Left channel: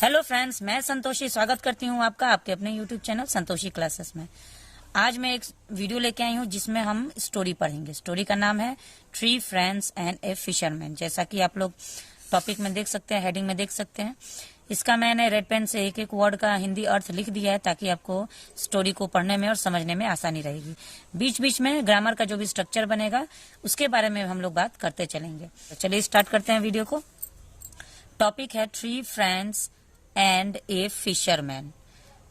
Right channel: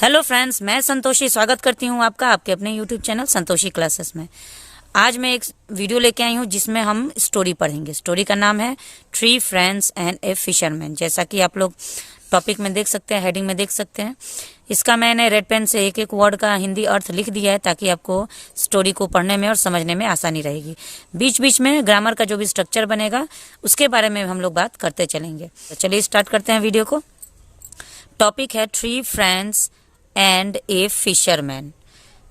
Hello friends, मैं संतोषी स्वागत करती हूँ आपका आपके अपने यूट्यूब चैनल संतोषी क्लासेस में। आज मैं एक वीडियो लेके आई हूँ जिसमें हम स्टोरी पढ़ेंगे। स्टोरी का नाम है three friends and A fisherman. जैसा कि आप लोग टॉपिक में देख सकते हैं, हेडिंग में देख सकते हैं। इसका मैंने रेड पेन से एक एक वर्ड का हिंदी अर्थ लिख दिया है ताकि आपको स्टोरी को पढ़ने में और समझने में आसानी रहेगी। बीच बीच में ग्रामर का जो भी स्ट्रक्चर बनेगा उसके बारे में हम लोग बात करते चलेंगे। तो चलिए स्टार्ट करते हैं वीडियो को। टॉपिक है three friends and A fisherman.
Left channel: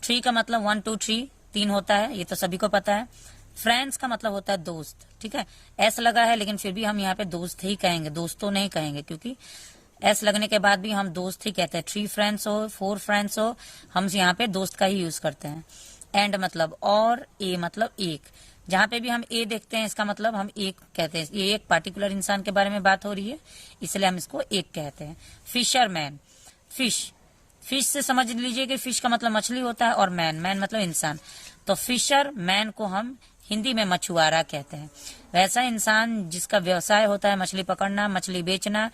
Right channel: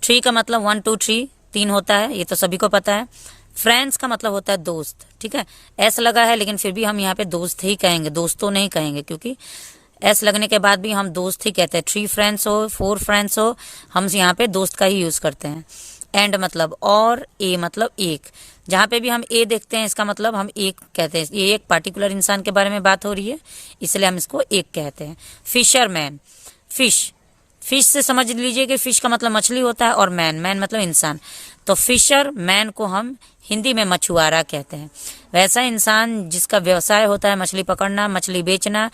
Three का मतलब 1 2 3 तीन होता है, ये तो सभी को पता है। फ्रेंड्स का मतलब होता है दोस्त, ठीक है। एस लगा है लेकिन फिर भी हम यहाँ पे दोस्त ही कहेंगे, दोस्तों नहीं कहेंगे, क्योंकि एस लगने के बाद भी हम दोस्त ही कहते हैं। 3 फ्रेंड्स हो 4 फ्रेंड्स हो, हम यहाँ पे दोस्त का ही यूज करते हैं। एंड मतलब और, ए मतलब एक। जहाँ पे भी हम ए देखते हैं इसका मतलब हम एक कहते हैं। ये एक पार्टिकुलर इंसान के बारे में बात हो रही है, इसलिए हम इसको एक कहते हैं। फिशरमैन, फिश से समझ लीजिए कि फिश का मतलब मछली होता है और मैन मतलब इंसान। तो फिशर मैन को हम हिंदी में मछुआरा कहते हैं। वैसा इंसान जिसका व्यवसाय होता है मछली पकड़ना, मछली बेचना,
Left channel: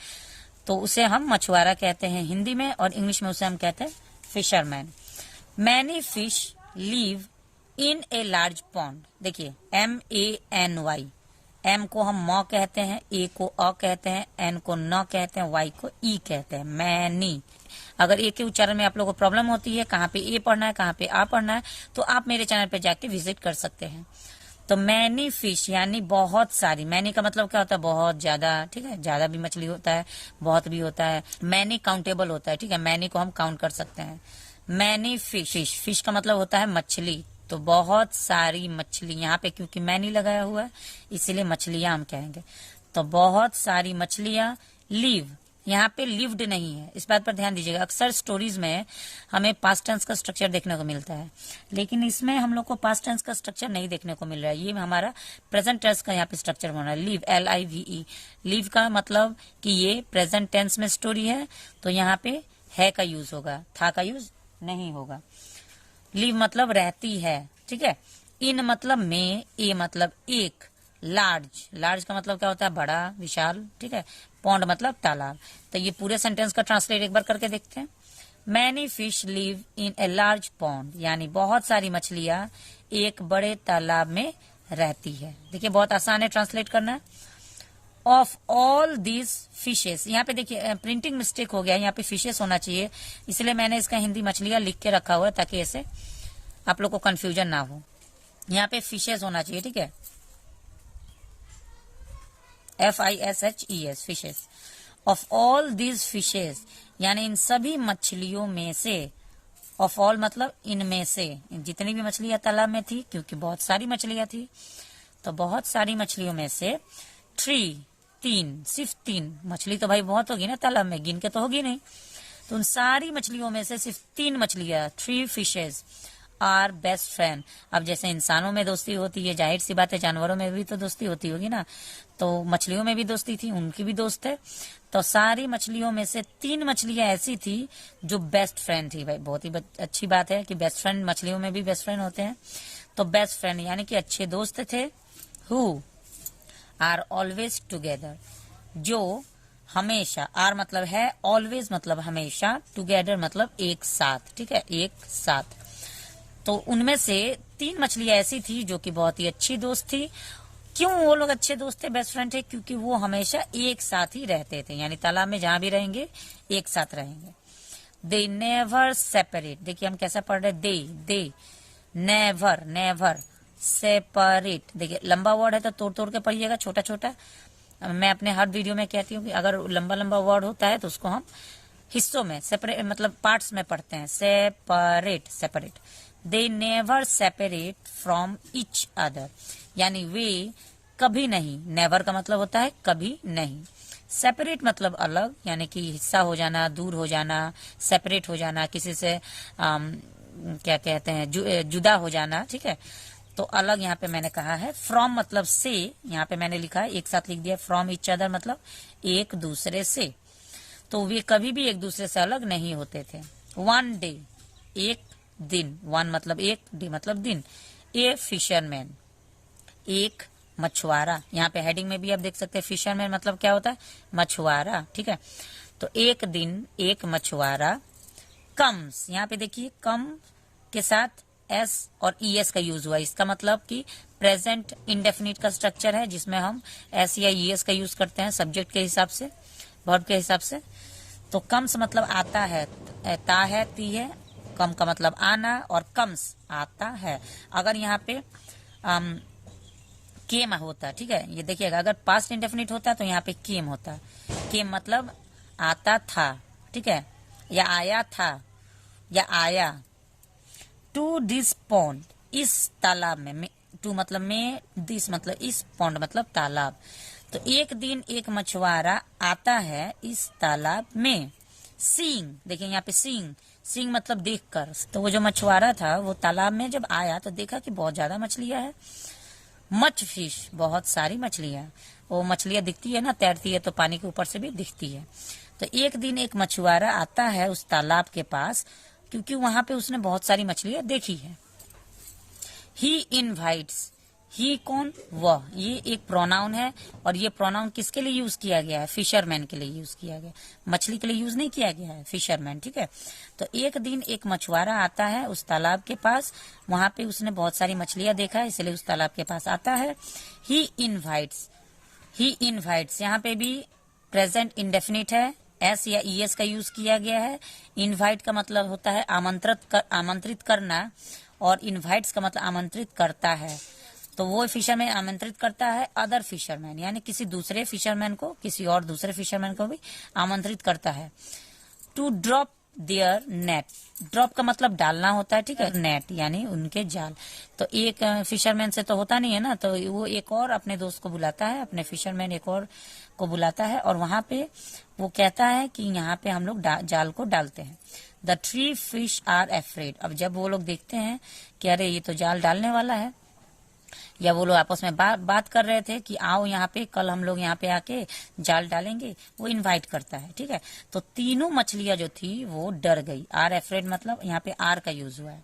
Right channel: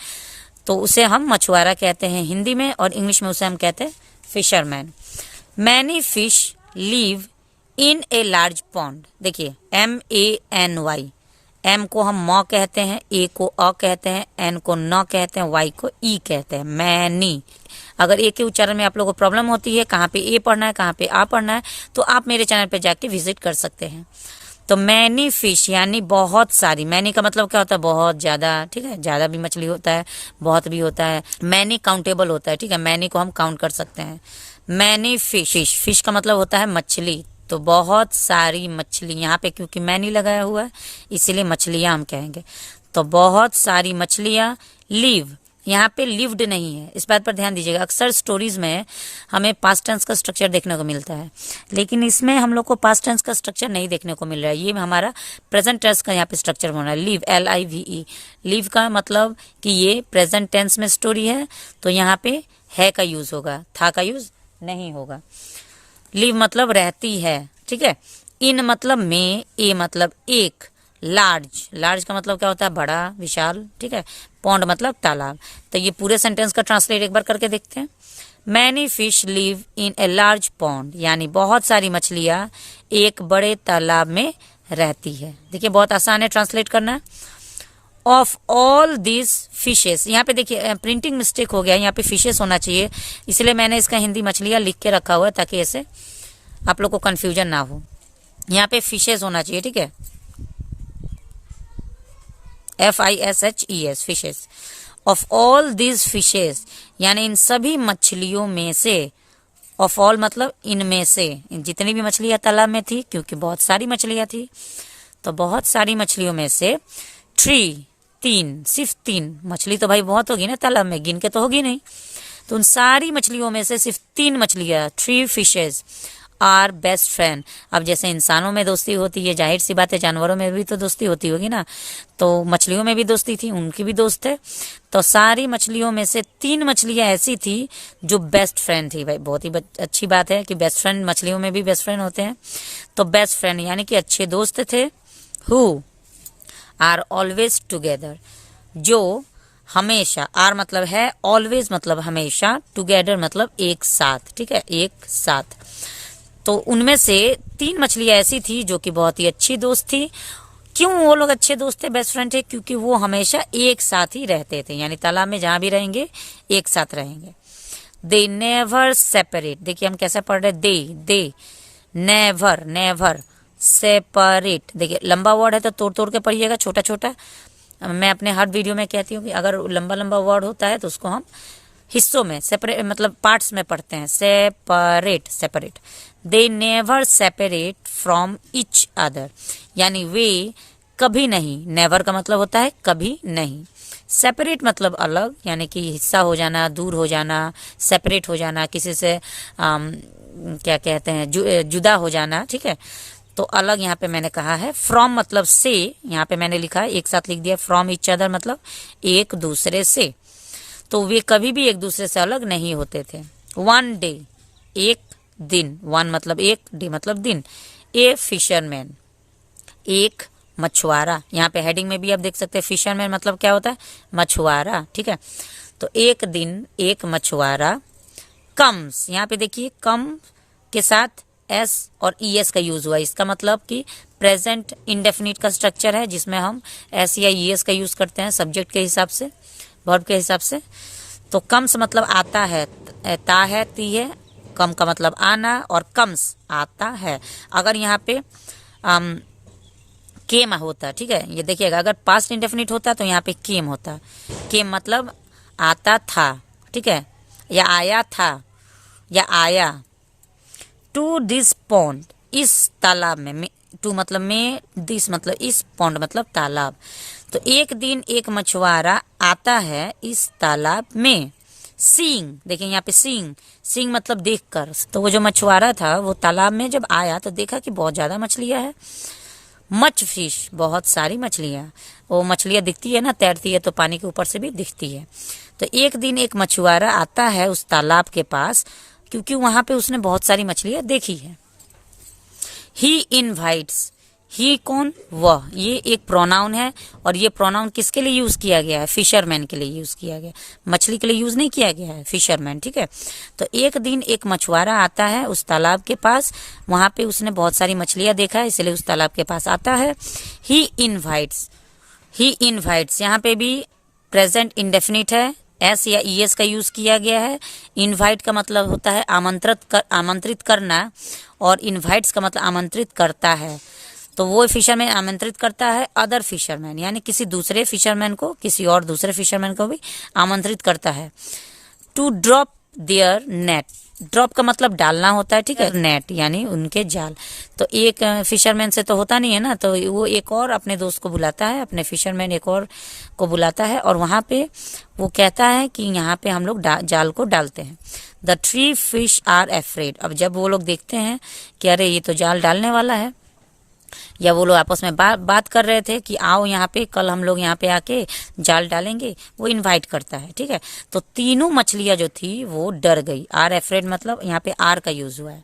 तो उसे हम मछुआरा कहते हैं हिंदी में, और इंग्लिश में उसे हम कहते हैं fisherman. Many fish live in a large pond. देखिए MANY, एम को हम मॉ कहते हैं, ए को अ कहते हैं, एन को न कहते हैं, वाई को ई कहते हैं। मैनी। अगर ए के उच्चारण में आप लोगों को प्रॉब्लम होती है, कहाँ पे ए पढ़ना है कहाँ पे आ पढ़ना है, तो आप मेरे चैनल पे जाके विजिट कर सकते हैं। तो मैनी फिश यानी बहुत सारी। मैनी का मतलब क्या होता है? बहुत ज्यादा, ठीक है। ज्यादा भी मछली होता है, बहुत भी होता है। मैनी काउंटेबल होता है, ठीक है। मैनी को हम काउंट कर सकते हैं। मैनी फिश, फिश का मतलब होता है मछली, तो बहुत सारी मछली। यहाँ पे क्योंकि मैनी लगाया हुआ है इसीलिए मछलियां हम कहेंगे। तो बहुत सारी मछलियां लिव, यहाँ पे लिव्ड नहीं है, इस बात पर ध्यान दीजिएगा। अक्सर स्टोरीज में हमें पास्ट टेंस का स्ट्रक्चर देखने को मिलता है, लेकिन इसमें हम लोग को पास्ट टेंस का स्ट्रक्चर नहीं देखने को मिल रहा है। ये हमारा प्रेजेंट टेंस का यहाँ पे स्ट्रक्चर होना है। Live, LIVE। लिव का मतलब कि ये प्रेजेंट टेंस में स्टोरी है, तो यहाँ पे है का यूज होगा, था का यूज नहीं होगा। लिव मतलब रहती है, ठीक है। इन मतलब में, ए मतलब एक। लार्ज का मतलब क्या होता है? बड़ा, विशाल, ठीक है। पॉन्ड मतलब तालाब। तो ये पूरे सेंटेंस का ट्रांसलेट एक बार करके देखते हैं। Many fish live in a large pond, यानी बहुत सारी मछलियां एक बड़े तालाब में रहती है। देखिए बहुत आसान है ट्रांसलेट करना। ऑफ ऑल दिस फिशेस, यहाँ पे देखिए प्रिंटिंग मिस्टेक हो गया, यहाँ पे फिशेस होना चाहिए, इसलिए मैंने इसका हिंदी मछलियां लिख के रखा हुआ है ताकि ऐसे आप लोग को कंफ्यूजन ना हो। यहाँ पे फिशेस होना चाहिए, ठीक है। FISHES, fishes. Of all this fishes, यानी इन सभी मछलियों में से। ऑफ ऑल मतलब इनमें से, जितनी भी मछलियां तालाब में थी, क्योंकि बहुत सारी मछलियां थी, तो बहुत सारी मछलियों में से तीन, सिर्फ तीन। मछली तो भाई बहुत होगी ना तालाब में, गिन के तो होगी नहीं। तो उन सारी मछलियों में से सिर्फ 3 मछलियां, 3 फिशेज आर बेस्ट फ्रेंड। अब जैसे इंसानों में दोस्ती होती है, जाहिर सी बात है जानवरों में भी तो दोस्ती होती होगी ना, तो मछलियों में भी दोस्ती थी, उनकी भी दोस्त है। तो सारी मछलियों में से 3 मछलियां ऐसी थी जो बेस्ट फ्रेंड थी। भाई बहुत ही अच्छी बात है कि बेस्ट फ्रेंड, मछलियों में भी बेस्ट फ्रेंड होते हैं। तो बेस्ट फ्रेंड यानी कि अच्छे दोस्त थे। हु आर ऑलवेज टुगेदर, जो हमेशा, आर मतलब है, ऑलवेज मतलब हमेशा, टुगेदर मतलब एक साथ, ठीक है, एक साथ। तो उनमें से 3 मछलियां ऐसी थी जो कि बहुत ही अच्छी दोस्त थी। क्यों वो लोग अच्छे दोस्त थे, बेस्ट फ्रेंड थे? क्योंकि वो हमेशा एक साथ ही रहते थे, यानी तालाब में जहां भी रहेंगे एक साथ रहेंगे। दे नेवर सेपरेट, देखिए हम कैसे पढ़ रहे, दे नेवर सेपरेट। देखिए लंबा वर्ड है तो तोड़ तोड़ के पढ़िएगा, छोटा छोटा। मैं अपने हर वीडियो में कहती हूँ कि अगर लंबा लंबा वर्ड होता है तो उसको हम हिस्सों में, सेपरेट मतलब पार्ट्स में पढ़ते हैं। Separate. They never separate from each other, यानी वे कभी नहीं। नेवर का मतलब होता है कभी नहीं। सेपरेट मतलब अलग, यानी कि हिस्सा हो जाना, दूर हो जाना, सेपरेट हो जाना, किसी से क्या कहते हैं, जुदा हो जाना, ठीक है। तो अलग यहाँ पे मैंने कहा है। फ्रॉम मतलब से, यहाँ पे मैंने लिखा है, एक साथ लिख दिया। फ्रॉम ईच अदर मतलब एक दूसरे से, तो वे कभी भी एक दूसरे से अलग नहीं होते थे। 1 डे, एक दिन। 1 मतलब एक, डे मतलब दिन। ए फिशरमैन, एक मछुआरा। यहाँ पे हेडिंग में भी आप देख सकते हैं फिशरमैन मतलब क्या होता है, मछुआरा, ठीक है। तो एक दिन एक मछुआरा कम्स, यहाँ पे देखिए कम के साथ एस और ईएस का यूज हुआ। इसका मतलब कि प्रेजेंट इंडेफिनिट का स्ट्रक्चर है जिसमें हम एस या ईएस का यूज करते हैं सब्जेक्ट के हिसाब से, वर्ब के हिसाब से। तो कम्स मतलब आता है, ता है, ती है, कम का मतलब आना, और कम्स आता है। अगर यहाँ पे केम होता, ठीक है, ये देखिएगा, अगर पास्ट इंडेफिनिट होता तो यहाँ पे केम होता। केम मतलब आता था, ठीक है, या आया था या आया। टू दिस पॉन्ड, इस तालाब में, टू मतलब में, दिस मतलब इस, पॉन्ड मतलब तालाब। तो एक दिन एक मछुआरा आता है इस तालाब में। सीइंग, देखिए यहाँ पे सीइंग, सीइंग मतलब देखकर। तो वो जो मछुआरा था वो तालाब में जब आया तो देखा कि बहुत ज्यादा मछलियां है। मच फिश, बहुत सारी मछलियां। वो मछलियां दिखती है ना, तैरती है तो पानी के ऊपर से भी दिखती है। तो एक दिन एक मछुआरा आता है उस तालाब के पास, क्योंकि वहां पे उसने बहुत सारी मछलियां देखी है। ही इनवाइट्स, ही कौन, वह, ये एक प्रोनाउन है, और ये प्रोनाउन किसके लिए यूज किया गया है? फिशरमैन के लिए यूज किया गया, मछली के लिए यूज नहीं किया गया है, फिशरमैन, ठीक है। तो एक दिन एक मछुआरा आता है उस तालाब के पास, वहां पे उसने बहुत सारी मछलियां देखा है, इसलिए उस तालाब के पास आता है। ही इनवाइट्स, ही इनवाइट्स, यहाँ पे भी प्रेजेंट इंडेफिनिट है, एस या ईएस का यूज किया गया है। इनवाइट का मतलब होता है आमंत्रित करना, और इनवाइट्स का मतलब आमंत्रित करता है। तो वो फिशरमैन आमंत्रित करता है अदर फिशरमैन, यानी किसी दूसरे फिशरमैन को, किसी और दूसरे फिशरमैन को भी आमंत्रित करता है। To drop their net, drop का मतलब डालना होता है, ठीक है, नेट यानी उनके जाल। तो एक फिशरमैन से तो होता नहीं है ना, तो वो एक और अपने दोस्त को बुलाता है, अपने फिशरमैन एक और को बुलाता है, और वहां पे वो कहता है कि यहाँ पे हम लोग जाल को डालते हैं। द 3 फिश आर अफ्रेड, अब जब वो लोग देखते हैं कि अरे ये तो जाल डालने वाला है, या वो लोग आपस में बात कर रहे थे कि आओ यहाँ पे, कल हम लोग यहाँ पे आके जाल डालेंगे, वो इनवाइट करता है, ठीक है। तो तीनों मछलियां जो थी वो डर गई। आर एफ्रेड मतलब यहाँ पे आर का यूज हुआ है।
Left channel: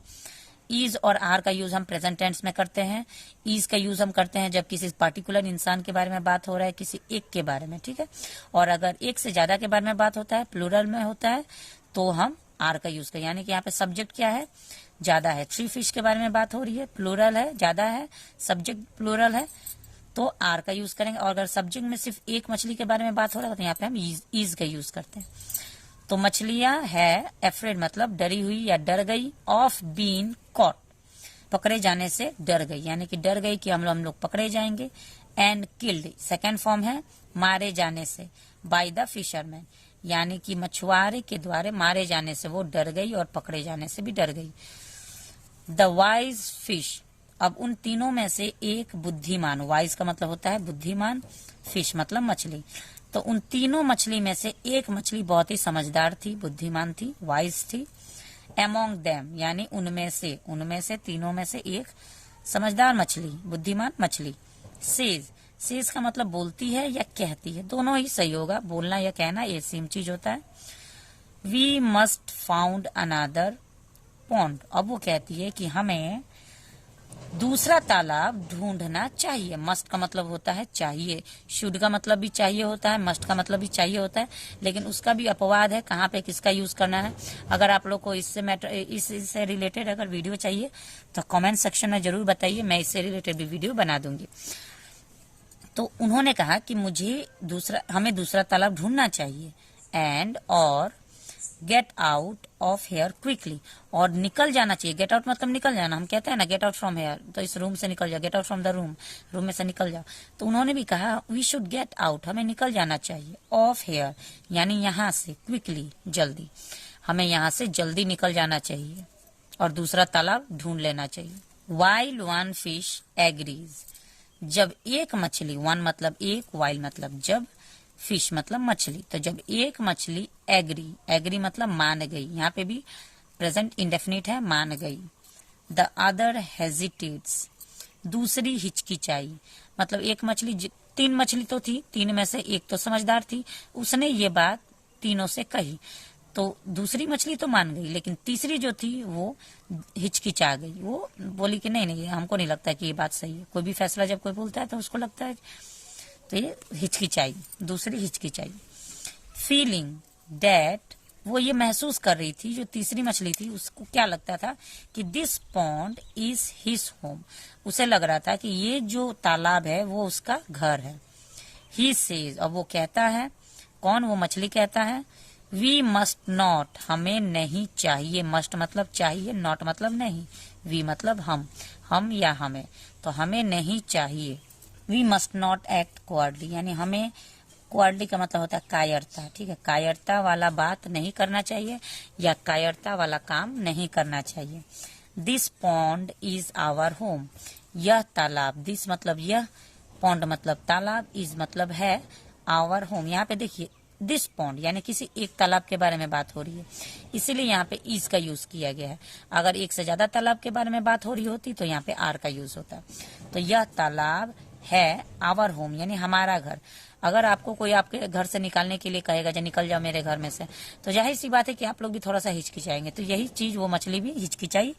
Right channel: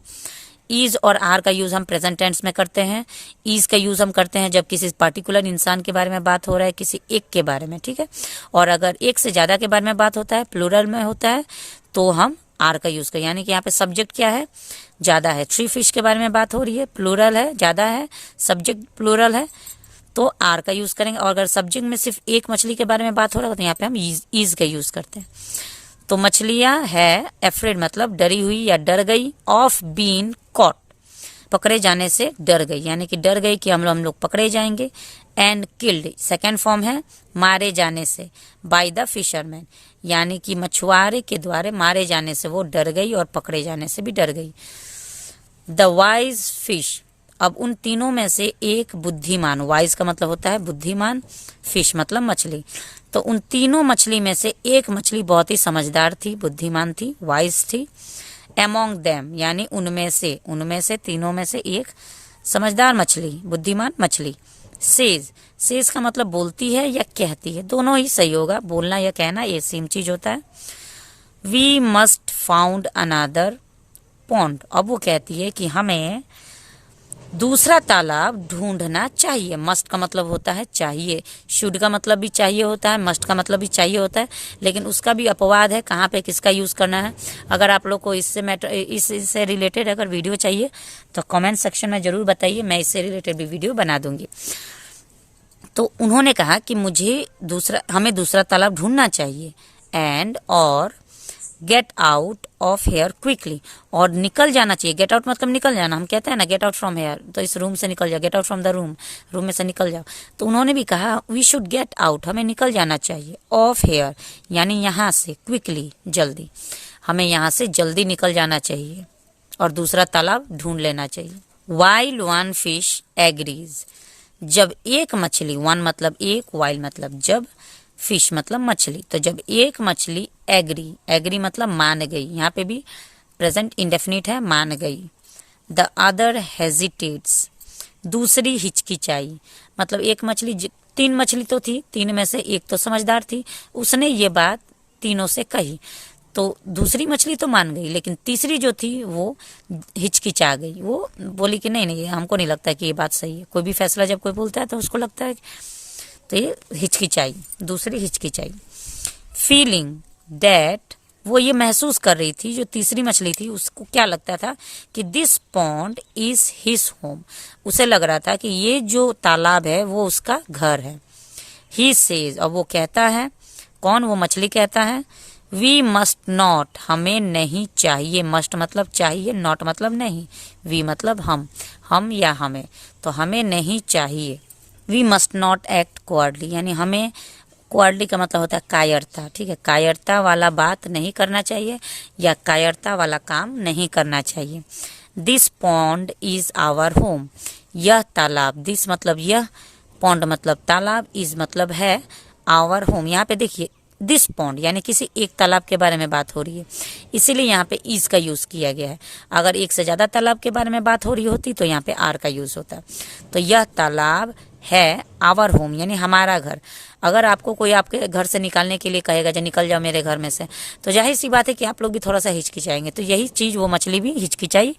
इज और आर का यूज हम प्रेजेंट टेंस में करते हैं। इज का यूज हम करते हैं जब किसी पर्टिकुलर इंसान के बारे में बात हो रहा है, किसी एक के बारे में, ठीक है। और अगर एक से ज्यादा के बारे में बात होता है, प्लूरल में होता है, तो हम आर का यूज करें। यानी कि यहाँ पे सब्जेक्ट क्या है? ज्यादा है। 3 फिश के बारे में बात हो रही है, प्लूरल है, ज्यादा है, सब्जेक्ट प्लूरल है, तो आर का यूज करेंगे। और अगर सब्जेक्ट में सिर्फ एक मछली के बारे में बात हो रहा है तो यहाँ पे हम इज का यूज करते हैं। तो मछलियां है, एफ्रेड मतलब डरी हुई या डर गई, ऑफ बीन कॉट पकड़े जाने से डर गई, यानी कि डर गई कि हम लोग पकड़े जाएंगे। एंड किल्ड सेकेंड फॉर्म है मारे जाने से, बाय द फिशरमैन, यानी कि मछुआरे के द्वारा मारे जाने से वो डर गई और पकड़े जाने से भी डर गई। द वाइज फिश, अब उन तीनों में से एक बुद्धिमान, वाइज का मतलब होता है बुद्धिमान, फिश मतलब मछली, तो उन तीनों मछली में से एक मछली बहुत ही समझदार थी, बुद्धिमान थी, वाइज थी। एमोंग देम यानी उनमें से तीनों में से एक समझदार मछली, बुद्धिमान मछली। सेज का मतलब बोलती है या कहती है, दोनों ही सही होगा, बोलना या कहना ये सेम चीज होता है। We must found another pond, अब वो कहती है कि हमें दूसरा तालाब ढूंढना चाहिए। मस्ट का मतलब होता है चाहिए, शुड का मतलब भी चाहिए होता है, मस्ट का मतलब भी चाहिए होता है, लेकिन उसका भी अपवाद है, कहाँ पे किसका यूज करना है। अगर आप लोग को इससे रिलेटेड अगर वीडियो चाहिए तो कमेंट सेक्शन में जरूर बताइए, मैं इससे रिलेटेड भी वीडियो बना दूंगी। तो उन्होंने कहा कि हमें दूसरा तालाब ढूंढना चाहिए, एंड और get out of here quickly, और निकल जाना चाहिए। गेट आउट मतलब निकल जाना, हम कहते हैं ना गेट आउट फ्रॉम हेयर, तो इस रूम से निकल जाओ, get out from the room, room में से निकल जाओ। तो उन्होंने भी कहा वी शुड गेट आउट, हमें निकल जाना चाहिए, ऑफ हेयर यानी यहाँ से, क्विकली जल्दी, हमें यहाँ से जल्दी निकल जाना चाहिए और दूसरा तालाब ढूंढ लेना चाहिए। वाइल वन फिश एग्रीज, जब एक मछली, वन मतलब एक, वाइल मतलब जब, फिश मतलब मछली, तो जब एक मछली एग्री मतलब मान गई, यहाँ पे भी प्रेजेंट इंडेफिनिट है, मान गई। द अदर हेजिटेट्स, दूसरी हिचकिचाई, मतलब एक मछली, 3 मछली तो थी, 3 में से एक तो समझदार थी, उसने ये बात तीनों से कही, तो दूसरी मछली तो मान गई, लेकिन तीसरी जो थी वो हिचकिचा गई, वो बोली कि नहीं हमको नहीं लगता कि ये बात सही है। कोई भी फैसला जब कोई बोलता है तो उसको लगता है, तो ये हिचकिचाई, दूसरी हिचकिचाई। फीलिंग दैट वो ये महसूस कर रही थी, जो तीसरी मछली थी उसको क्या लगता था कि this pond is his home. उसे लग रहा था कि ये जो तालाब है वो उसका घर है। ही सेज, और वो कहता है, कौन, वो मछली कहता है, वी मस्ट नॉट, हमें नहीं चाहिए, मस्ट मतलब चाहिए, नॉट मतलब नहीं, वी मतलब हम या हमें, तो हमें नहीं चाहिए। वी मस्ट नॉट एक्ट क्वार्डली, यानी हमें, क्वार्डली का मतलब होता है कायरता, ठीक है, कायरता वाला बात नहीं करना चाहिए या कायरता वाला काम नहीं करना चाहिए। This pond is our home, यह तालाब, दिस मतलब यह, पॉन्ड मतलब तालाब, इज मतलब है, आवर होम। यहाँ पे देखिए दिस पॉन्ड यानी किसी एक तालाब के बारे में बात हो रही है, इसीलिए यहाँ पे इज का यूज किया गया है। अगर एक से ज्यादा तालाब के बारे में बात हो रही होती तो यहाँ पे आर का यूज होता। तो यह तालाब है आवर होम यानी हमारा घर। अगर आपको कोई आपके घर से निकालने के लिए कहेगा जो निकल जाओ मेरे घर में से, तो जाहिर सी बात है कि आप लोग भी थोड़ा सा हिचकिचाएंगे। तो यही चीज़ वो मछली भी हिचकिचाई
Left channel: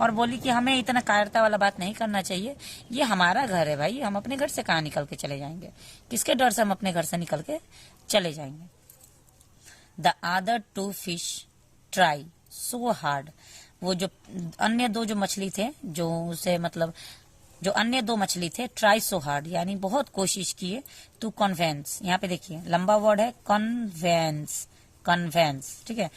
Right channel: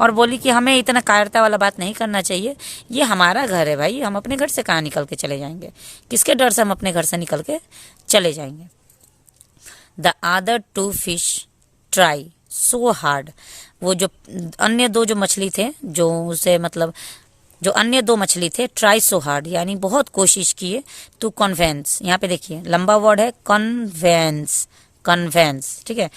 और बोली कि हमें इतना कायरता वाला बात नहीं करना चाहिए, ये हमारा घर है भाई, हम अपने घर से कहाँ निकल के चले जाएंगे, किसके डर से हम अपने घर से निकल के चले जाएंगे। The other two fish try so hard, वो जो अन्य दो जो मछली थे, जो उसे मतलब जो अन्य दो मछली थे, ट्राई सो हार्ड यानी बहुत कोशिश किए, टू कन्वेंस, यहाँ पे देखिए लंबा वर्ड है कन्वेंस, कन्वेंस, ठीक है।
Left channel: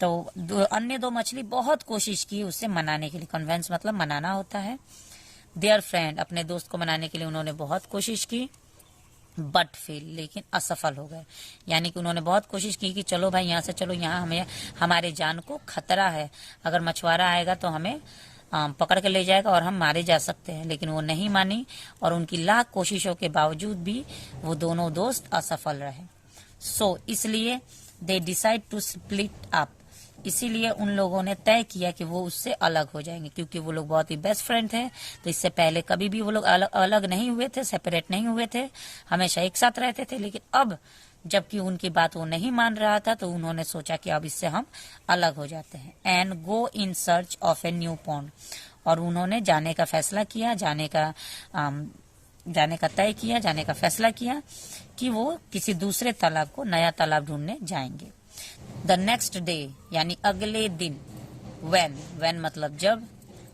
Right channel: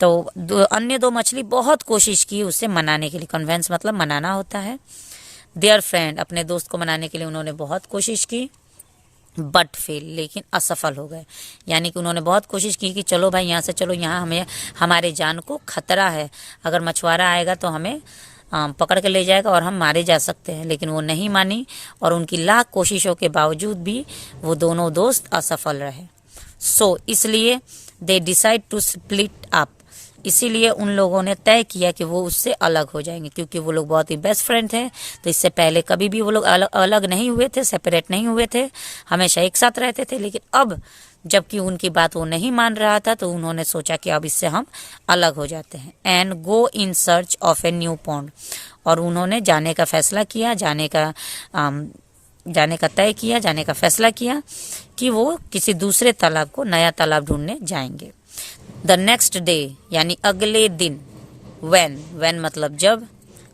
तो अन्य दो मछली बहुत कोशिश की उससे मनाने के लिए, कन्वेंस मतलब मनाना होता है। देयर फ्रेंड, अपने दोस्त को मनाने के लिए उन्होंने बहुत कोशिश की, बट फेल, लेकिन असफल हो गए। यानी कि उन्होंने बहुत कोशिश की कि चलो भाई यहाँ से चलो, यहाँ हमें हमारे जान को खतरा है, अगर मछुआरा आएगा तो हमें पकड़ के ले जाएगा और हम मारे जा सकते हैं, लेकिन वो नहीं मानी और उनकी लाख कोशिशों के बावजूद भी वो दोनों दोस्त असफल रहे। सो इसलिए they decide to split up, इसीलिए उन लोगों ने तय किया कि वो उससे अलग हो जाएंगे, क्योंकि वो लोग बहुत ही बेस्ट फ्रेंड थे। तो इससे पहले कभी भी वो लोग अलग नहीं हुए थे, सेपरेट नहीं हुए थे, हमेशा एक साथ रहते थे। लेकिन अब जबकि उनकी बात वो नहीं मान रहा था तो उन्होंने सोचा कि अब इससे हम अलग हो जाते हैं। And go in search of a new pond, और उन्होंने जाने का फैसला किया, जाने का तय किया, जाने का फैसला किया कि वो किसी दूसरे तालाब को, नया तालाब ढूंढने जाएंगे। द नेक्स्ट डे यानी अगले दिन, when मतलब जब,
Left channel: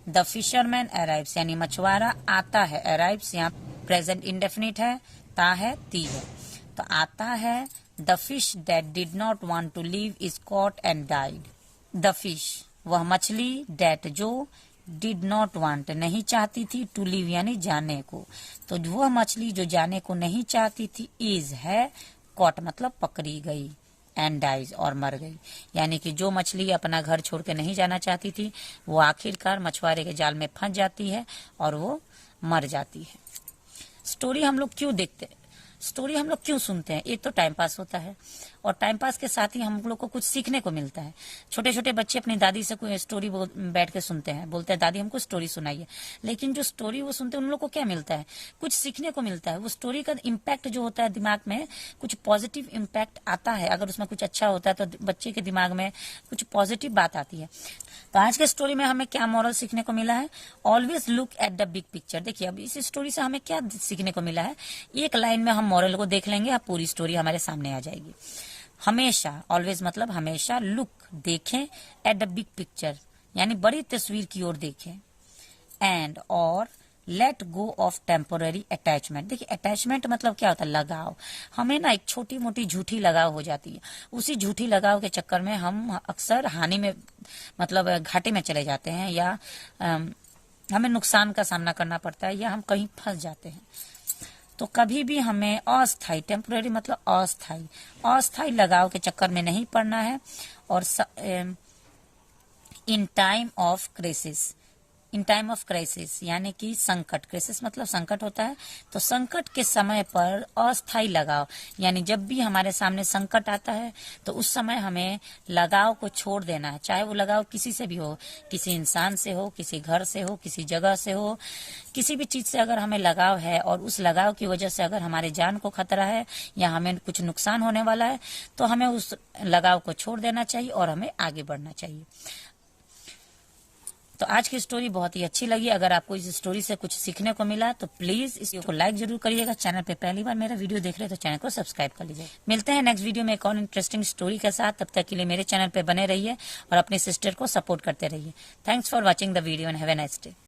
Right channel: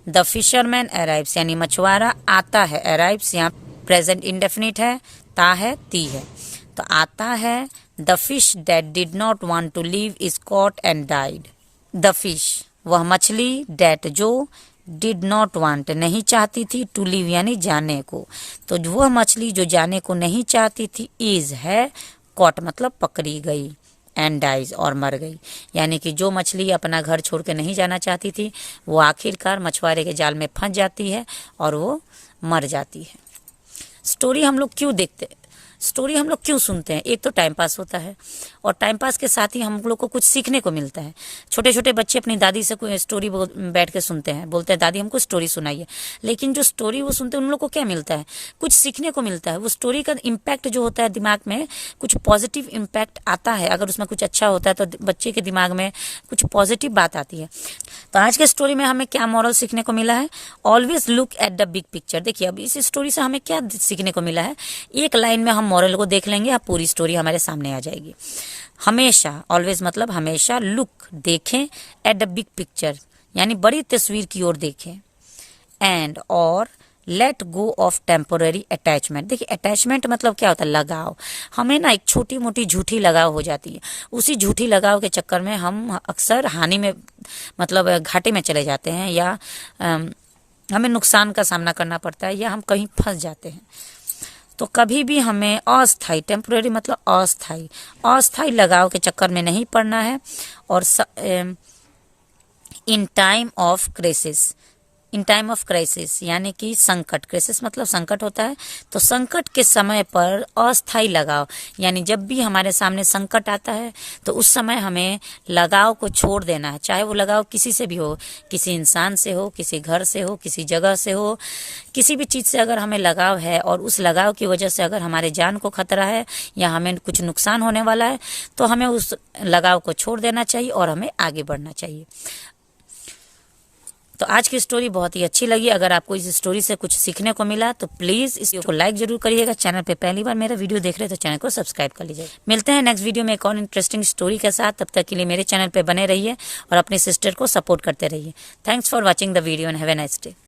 द फिशरमैन अराइव्स यानी मछुआरा आता है, अराइव्स यहाँ प्रेजेंट इंडेफिनिट है, ता है, ती है, तो आता है। The fish that did not want to leave is caught and died, the fish वह मछली, दैट जो, डिड नॉट वांट नहीं चाहती थी, टू लीव यानी जाने को, तो वह मछली जो जाने को नहीं चाहती थी, इज है, कॉट मतलब पकड़ी गई, एंड डाइज और मर गई। यानी कि जो मछली अपना घर छोड़ के नहीं जाना चाहती थी वो आखिरकार मछुआरे के जाल में फंस जाती है और वो मर जाती है। स्टोरी हम लोग क्यों देखते हैं, स्टोरी हम लोग क्यों सुनते हैं? एक तो टाइम पास होता है और टाइम पास के साथ ही हम लोग को कुछ सीखने को मिलता है। छोटे छोटे बच्चे अपनी दादी से कोई स्टोरी बैठ के सुनते हैं, बोलते हैं दादी हमको स्टोरी सुनाइए, लेकिन जो स्टोरी वो सुनते हैं उन लोग को क्या मिलता है? कुछ सीखने को मिलता है। वो स्टोरी का इम्पैक्ट जो होता है दिमाग में, कुछ पॉजिटिव इम्पैक्ट आता है। अगर उसमें कुछ अच्छा होता है तो बच्चे के दिमाग में कुछ पॉजिटिव बात आती है। तो आज के स्टोरी में हमें क्या मॉरल सीखने को मिला है? Always look at the big picture. देखिए अब इस स्टोरी से हमें क्या सीखने को मिला है, एक लाइन में हम मॉरल को देख लेंगे, अब पूरी स्टोरी हमारे सामने आ जाएगी। हमेशा, ऑलवेज मतलब हमेशा, लुक देखें, एट द बिग पिक्चर यानी बड़ी तस्वीर की ओर देखें, एंड और let go of temporary attachment. देखिए अटैचमेंट मतलब क्या होता है? लगाव। हमें ना एक छोटी मोटी झूठी लगाव हो जाती है, उसी झूठी लगाव के चक्कर में हम अक्सर हानि में मतलब घाटे में चले जाते हैं, या हमें नुकसान का सामना करना पड़ता है, या हम कहीं फंस जाते हैं। तो कभी भी हमें अस्थाई, टेम्पोररी मतलब अस्थाई, अस्थाई लगाव के चक्कर में नहीं पड़ना है। और in time of crisis, in time of crisis यानी कि संकट, क्राइसिस मतलब संकट होता है, तो संकट के समय पर अस्थाई लगाव, यानी जब भी हमारे सामने संकट आता है तो उस समय हमें लगाव को छोड़ देना है। चाहे वो लगाव किसी से भी हो, किसी इंसान से हो, किसी घर से हो, किसी जगह से हो, किसी भी चीज़ से अगर हमें लगाव है और उस लगाव की वजह से अगर हमारे जान को खतरा है या हमें कुछ नुकसान होने वाला है, तो हमें उस लगाव को छोड़ देना चाहिए और हमें आगे बढ़ना चाहिए। तो आज की स्टोरी बहुत ही अच्छी लगी। अगर आपको इस स्टोरी से कुछ सीखने को मिला तो प्लीज इस वीडियो को लाइक जरूर करिएगा। चैनल पे पहली बार मेरा वीडियो देख रहे हैं तो चैनल को सब्सक्राइब कर लीजिए। मिलते हैं नेक्स्ट वीडियो में एक और इंटरेस्टिंग स्टोरी के साथ। तब तक के लिए मेरे चैनल पे बने रहिए और अपनी सिस्टर को सपोर्ट करते रहिए। Thanks for watching the video and have a nice day.